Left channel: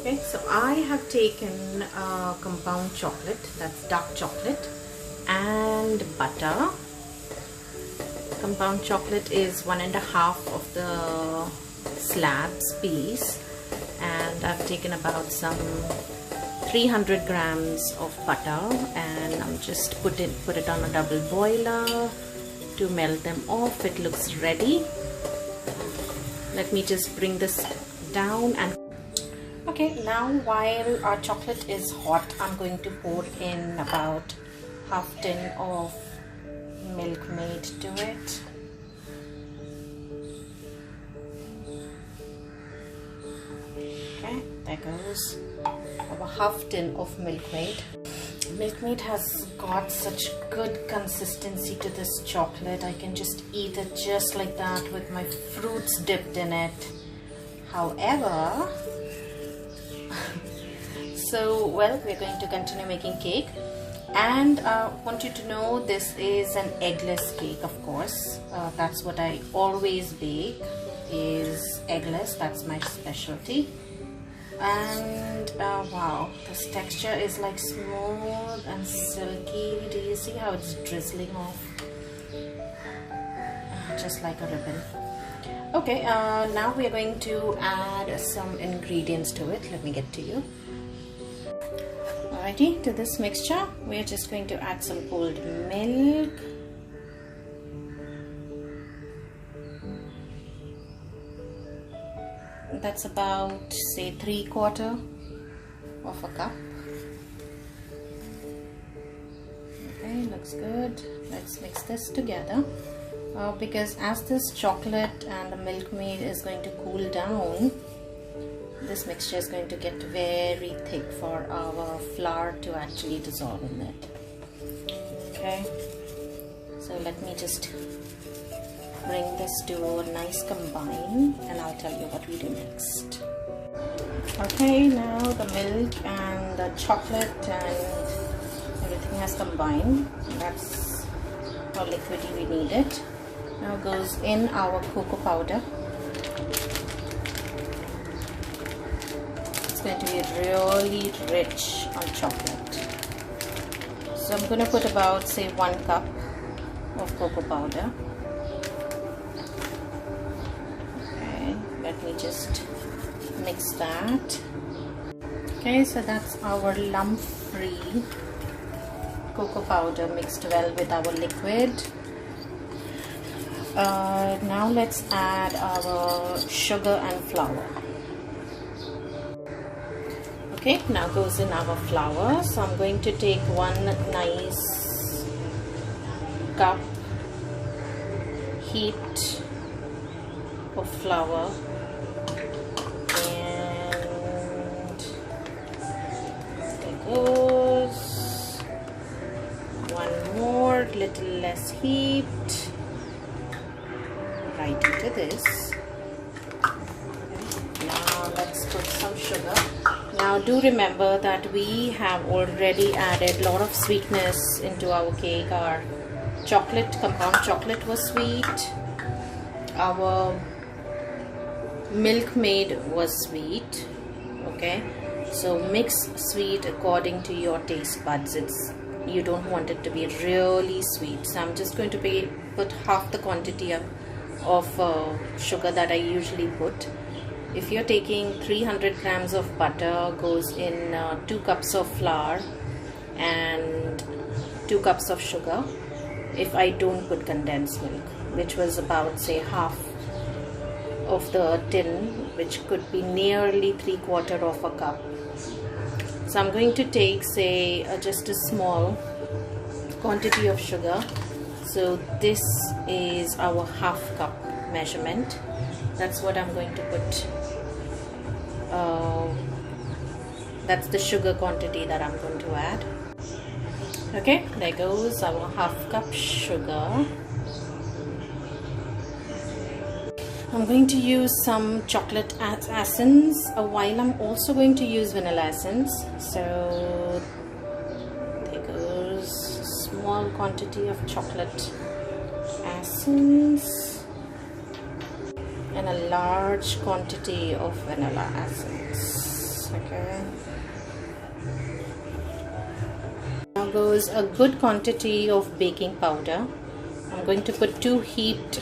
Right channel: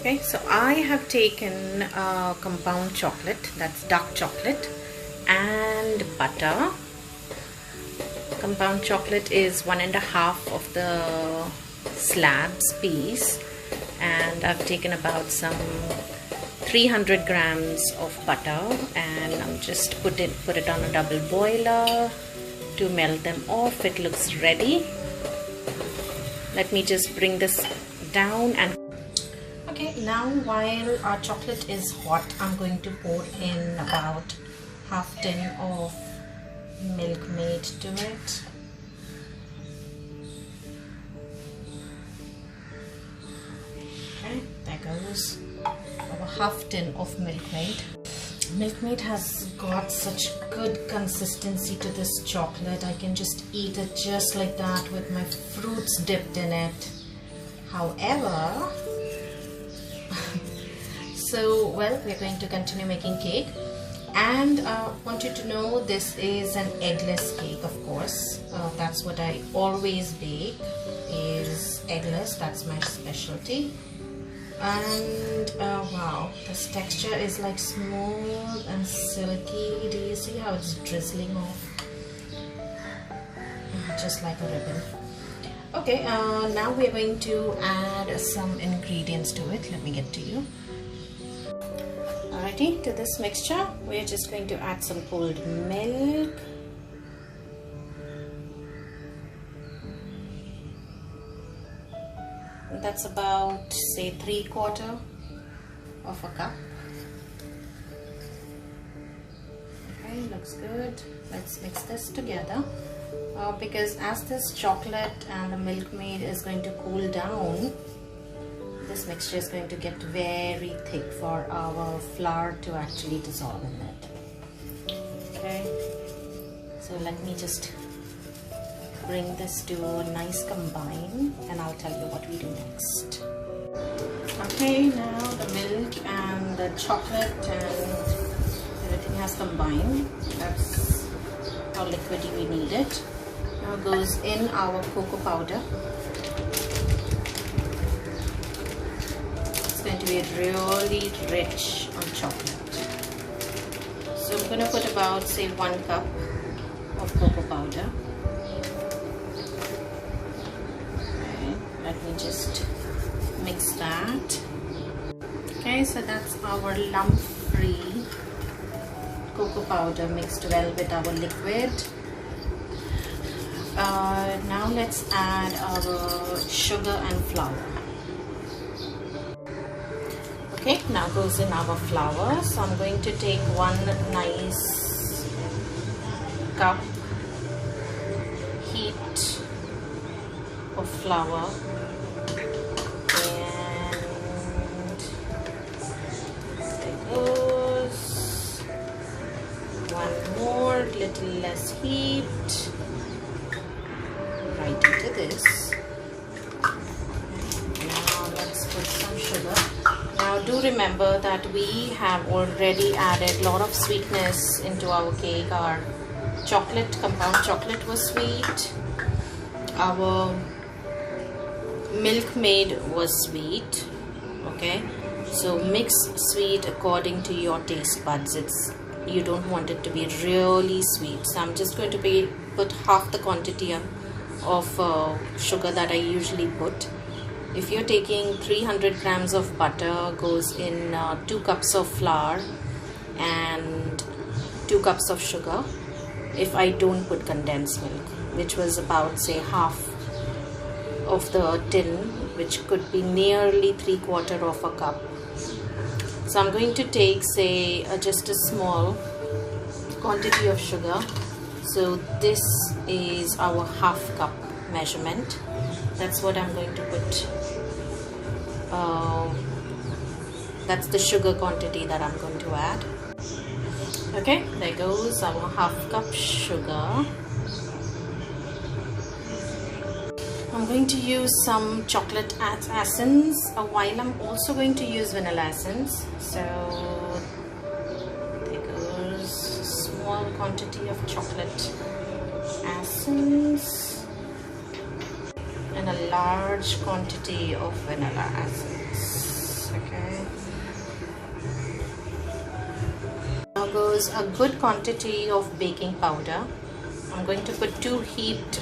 Okay, so I have taken compound chocolate, that's dark chocolate, and butter. Compound chocolate is 1.5 of the slabs piece, and I've taken about some 300 grams of butter, and I'm just put it on a double boiler to melt them off. It looks ready. Let me just bring this down. And okay, now while our chocolate is hot, I'm going to pour in about half tin of Milkmaid to it. Okay, there goes our half tin of Milkmaid. Milkmaid has got such good consistency to this chocolate. I can just eat it just like that with my fruits dipped in it. However, so well, we're going to continue making cake, and want you to know this is an eggless cake, of course. That's what I always bake, is eggless. That's my specialty. And wow, this texture is like smooth and silky. Do you see how it's drizzling off? Just like a ribbon. Okay, now we are going to add some ingredients to it. Let me get to you. Alrighty, to this mixture we are just going to add some cold milk. That's about, say, 3/4 of a cup. Okay, looks good. Let's mix this together. Because as this chocolate and the Milkmaid is going to cool down, this mixture is going to get very thick for our flour to actually dissolve in it. Okay, so let me just bring this to a nice combine, and I'll tell you what we do next. Okay, now the milk and the chocolate and everything has combined. That's how liquidy we need it. Now goes in our cocoa powder. It's going to be really rich on chocolate. So I'm going to put about, say, 1 cup of cocoa powder. Okay, let me just mix that. Okay, so that's our lump-free cocoa powder mixed well with our liquid. Now let's add our sugar and flour. Okay, now goes in our flour. So I'm going to take 1 nice cup heat of flour, and there goes 1 more, little less heat, right into this. Now let's put some sugar. Now do remember that we have already added a lot of sweetness into our cake. Our chocolate, compound chocolate, was sweet. Our Milkmaid was sweet. Okay, so mix sweet according to your taste buds. You don't want it to be really sweet. So I'm just going to put half the quantity of sugar that I usually put. If you're taking 300 grams of butter, goes in 2 cups of flour and 2 cups of sugar. If I don't put condensed milk, which was about, say, half of the tin, which could be nearly 3/4 of a cup. So I'm going to take, say, just a small quantity of sugar. So this is our half cup measurement. That's what I'm going to put. That's the sugar quantity that I'm going to add. Okay, there goes our half cup sugar. I'm going to use some chocolate essence, while I'm also going to use vanilla essence. So there goes a small quantity of chocolate essence and a large quantity of vanilla essence. Okay. Now goes a good quantity of baking powder. I'm going to put 2 heaped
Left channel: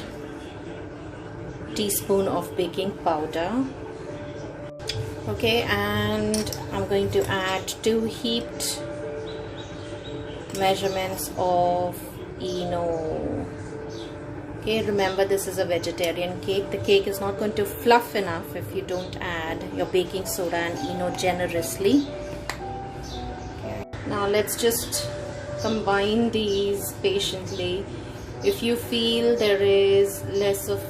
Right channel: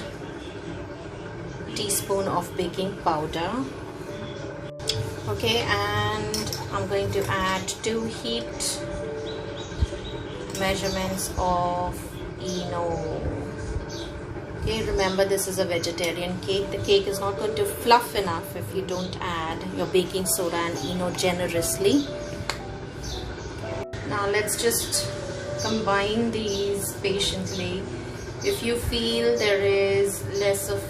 teaspoon of baking powder. Okay, and I'm going to add 2 heaped measurements of ENO. Okay, remember this is a vegetarian cake. The cake is not going to fluff enough if you don't add your baking soda and ENO generously. Now let's just combine these patiently. If you feel there is less of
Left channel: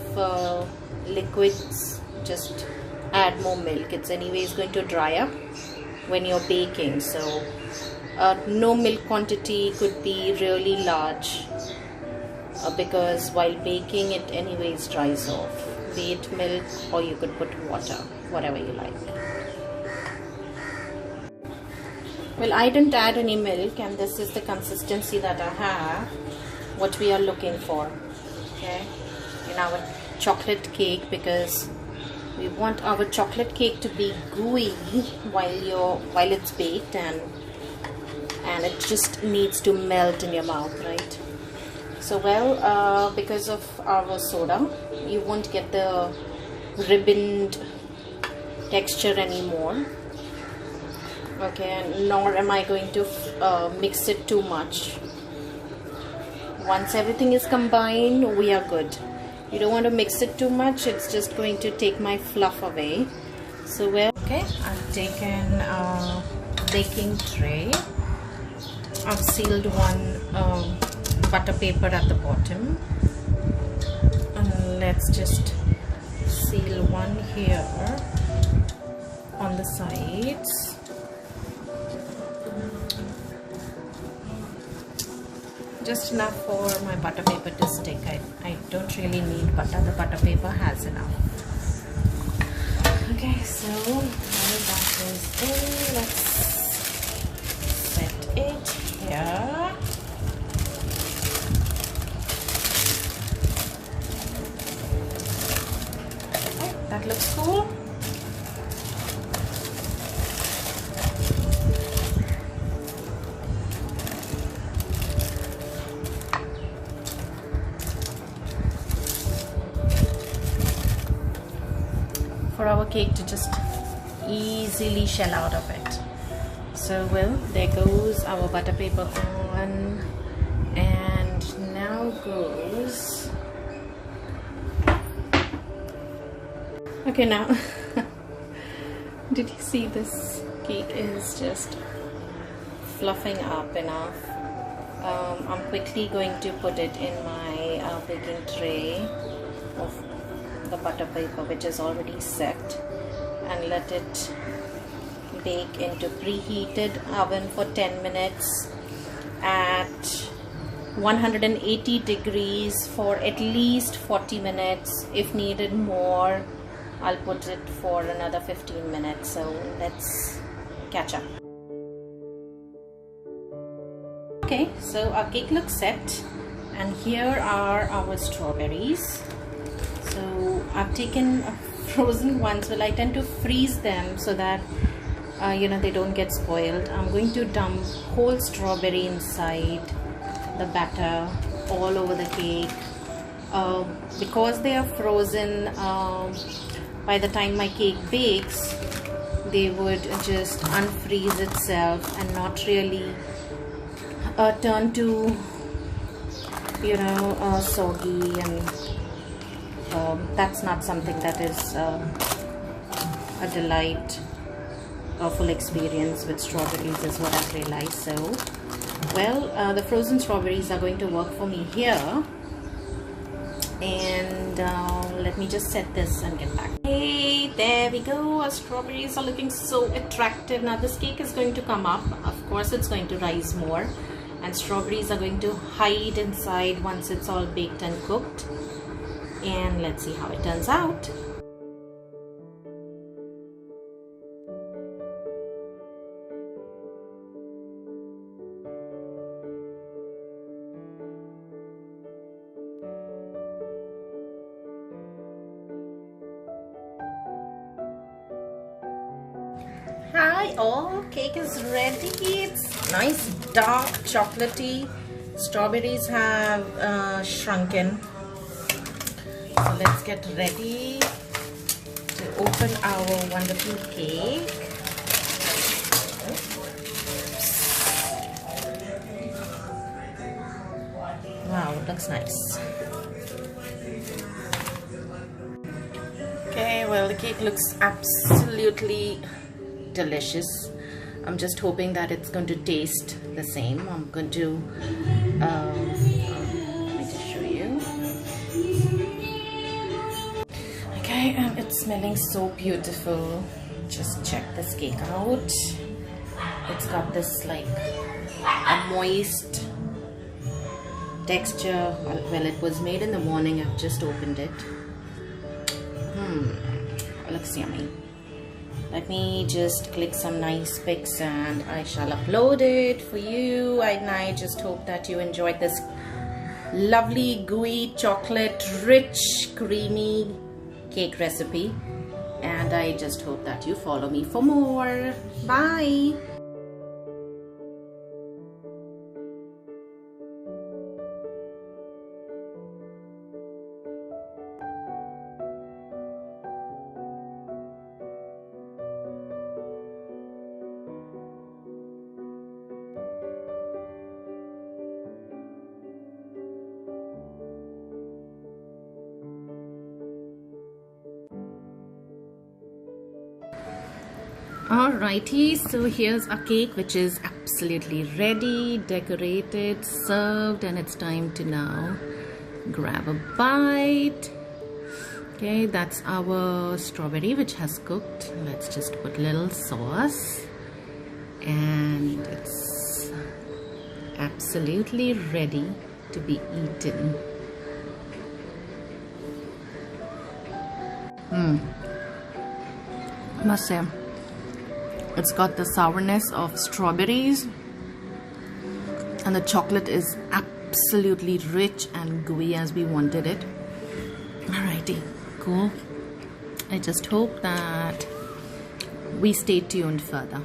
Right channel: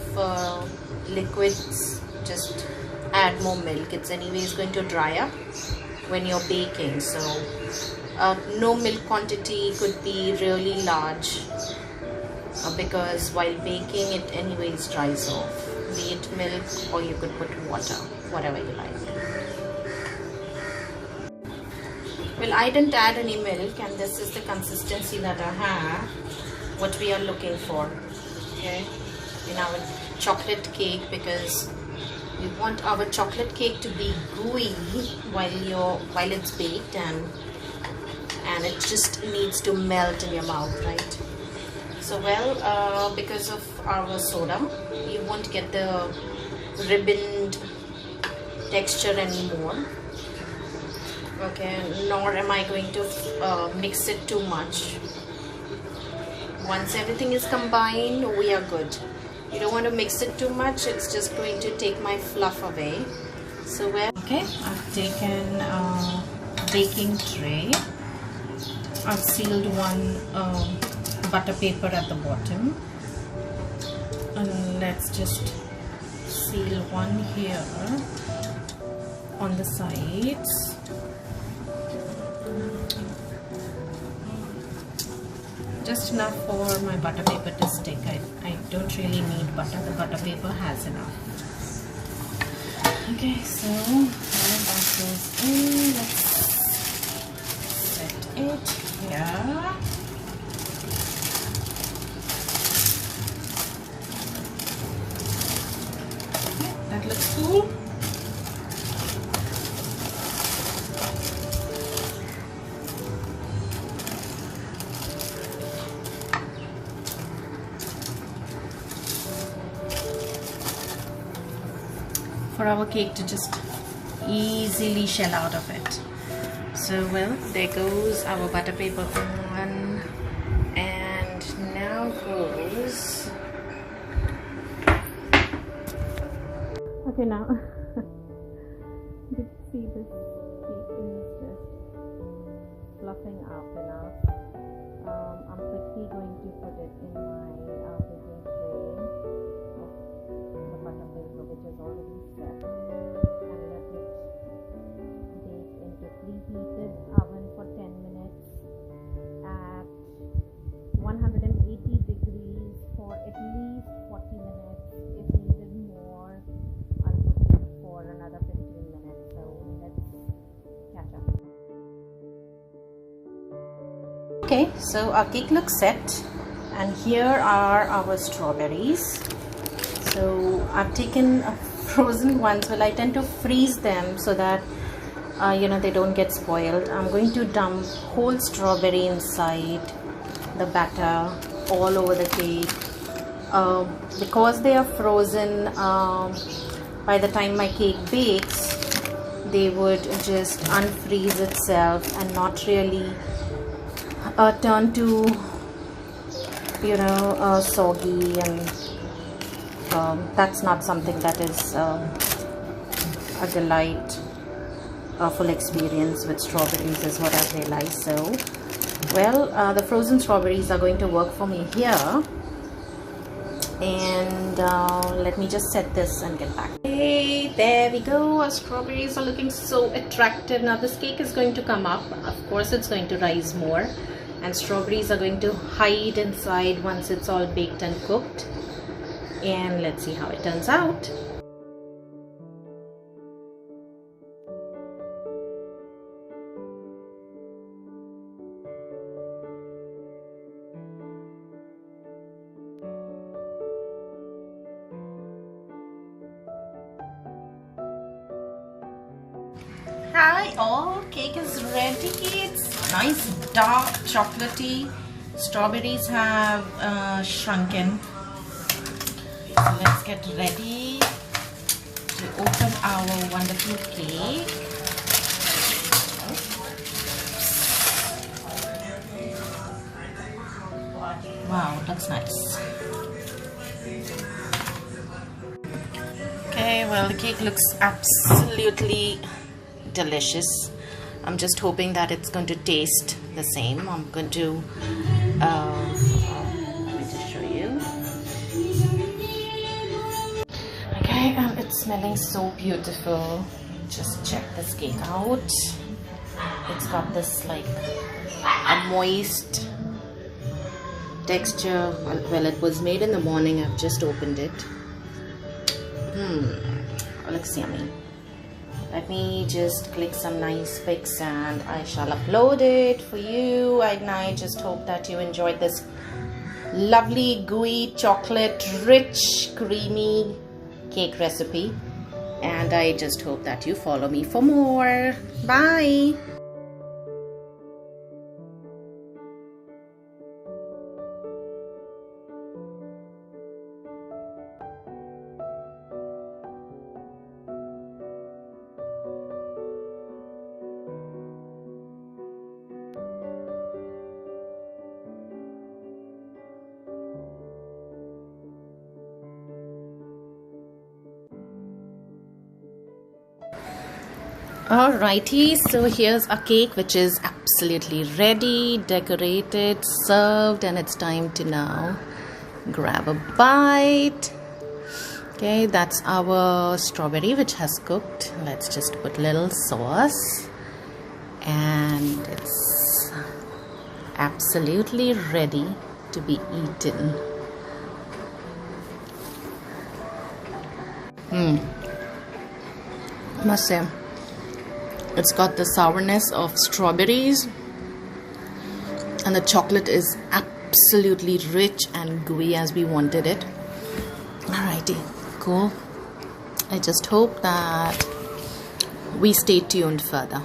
liquids, just add more milk. It's anyways going to dry up when you're baking, so no milk quantity could be really large because while baking it anyways dries off, be it milk or you could put water, whatever you like. Well, I didn't add any milk, and this is the consistency that I have, what we are looking for, okay, in our chocolate cake, because we want our chocolate cake to be gooey while it's baked, and it just needs to melt in your mouth, right? So well, because of our soda, you won't get the ribboned texture anymore. Okay, nor am I going to mix it too much. Once everything is combined, we are good. You don't want to mix it too much, it's just going to take my fluff away. So well, okay, I've taken a baking tray. I've sealed one butter paper at the bottom, and let's just seal one here on the sides. Just enough for my butter paper to stick. I don't really need butter. The butter paper has enough. Okay, so while that goes in, let's set it here. Okay, that looks cool. For our cake to just easily shell out of it. So well, there goes our butter paper on, and now goes, okay, now did you see this cake is just fluffing up enough. I'm quickly going to put it in my baking tray of the butter paper, which is already set, and let it bake into preheated oven for 10 minutes at 180 degrees for at least 40 minutes. If needed more, I'll put it for another 15 minutes. So let's catch up. Okay, so our cake looks set, and here are our strawberries. So I've taken frozen ones. Well, I tend to freeze them so that they don't get spoiled. I'm going to dump whole strawberry inside the batter all over the cake. Because they are frozen, by the time my cake bakes, they would just unfreeze itself and not really turn to soggy, and that's not something that is a delight. A full experience with strawberries is what I've realized. So well, the frozen strawberries are going to work for me here, and let me just set this and get back. Hey, there we go. Our strawberries are looking so attractive. Now this cake is going to come up. Of course it's going to rise more, and strawberries are going to hide inside once it's all baked and cooked. And let's see how it turns out. Bye. Oh, cake is ready. It's nice dark chocolatey. Strawberries have shrunken. So let's get ready to open our wonderful cake. Wow, it looks nice. Okay, well, the cake looks absolutely delicious. I'm just hoping that it's going to taste the same. I'm going to let me just show you. Okay, it's smelling so beautiful. Just check this cake out. It's got this like a moist texture. Well, it was made in the morning. I've just opened it. It looks yummy. Let me just click some nice pics and I shall upload it for you. And I just hope that you enjoyed this lovely gooey chocolate rich creamy cake recipe, and I just hope that you follow me for more. Bye. Alrighty, so here's a cake which is absolutely ready, decorated, served, and it's time to now grab a bite. Okay, that's our strawberry which has cooked. Let's just put little sauce, and it's absolutely ready to be eaten. Must say, it's got the sourness of strawberries, and the chocolate is absolutely rich and gooey as we wanted it. Alrighty, cool. I just hope that we stay tuned further.